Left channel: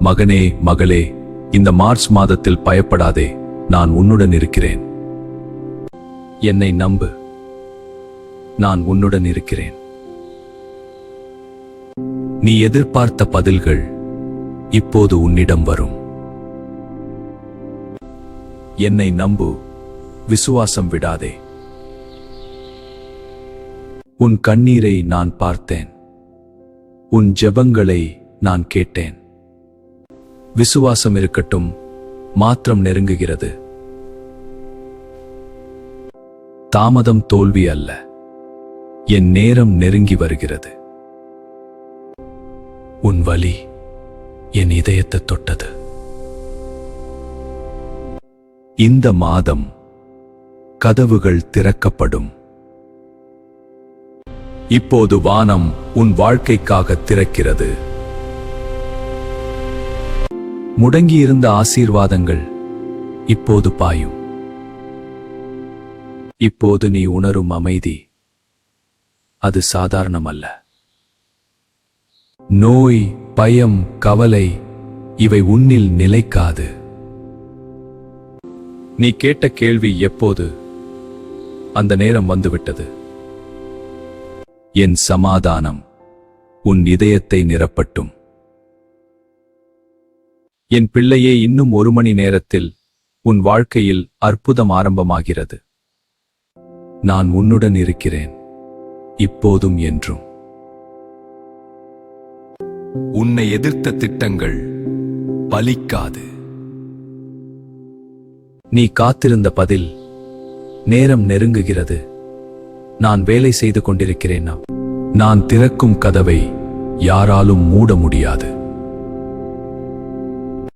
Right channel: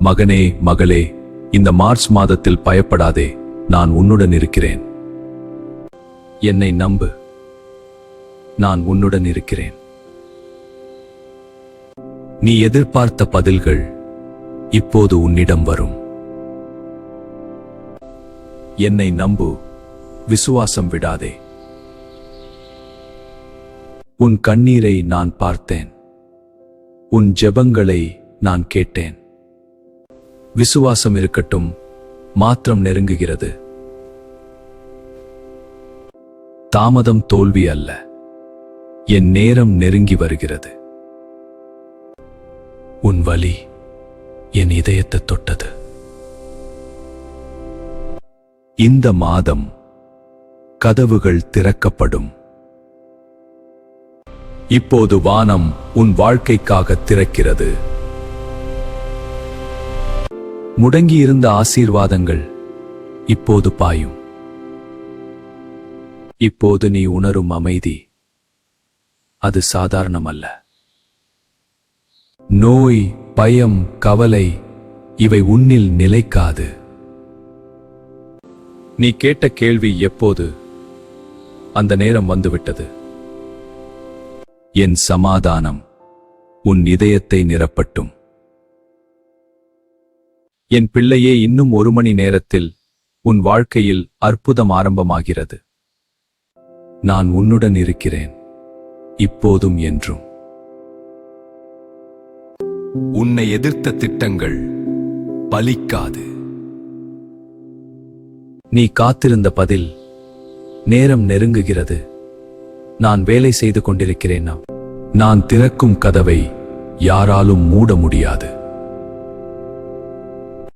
மகனே, மகளே, இந்த மார்ச் மாதத்தில் பயப்படாதே, நான் உன்னுடன் இருக்கிறேன். என்னை நம்பு, நான் உன்னுடன் இருக்கிறேன். நீ எதிர்பார்த்த பதில்கள் இப்போது உன்னிடம் வரும். என்னை நம்பு, விசுவாசம் விடாதே. உன் கண்ணீரை நான் பார்த்தேன், உன் ஜெபங்களை நான் கேட்டேன். விசுவாசம் இருக்கட்டும், மாற்றம் நெருங்குகிறது. தாமதம் தோல்வி அல்ல, என் நேரம் நெருங்கி வருகிறது. உன் வலி என் இதயத்தை தொட்டது. இந்த மாதம் கதவுகள் திறக்கப்படும். இப்போது வானம் உன் வாழ்க்கைக்காக திறக்கிறது. முடங்கியிருந்த ஆசீர்வாதங்கள் இப்போது பாயும். இப்போது நீ உணரும் அமைதி அது சாதாரணமல்ல. நோய், பயம், கவலை இவை உன்னில் நிலைக்காது. நீ கேட்ட கேள்வி எப்போது? அந்த நேரம் வந்துவிட்டது. என் சமாதானம் உன் இதயத்தை நிரப்பட்டும். என் பிள்ளையே, இன்னும் 1 மணி நேரத்தில் உன் வாழ்க்கையில் அற்புதம் ஆரம்பமாகிறது. நான் உன்னுடன் இருக்கிறேன், இப்போதும் என்றும். உன்னை எதிர்த்த திட்டங்கள் பலிக்காது. நீ காத்திருந்த பதில் நேரம் நெருங்குகிறது. நான் வேலை செய்து கொண்டிருக்கிறேன். நான் திறக்கும் கதவை யாராலும் மூட முடியாது.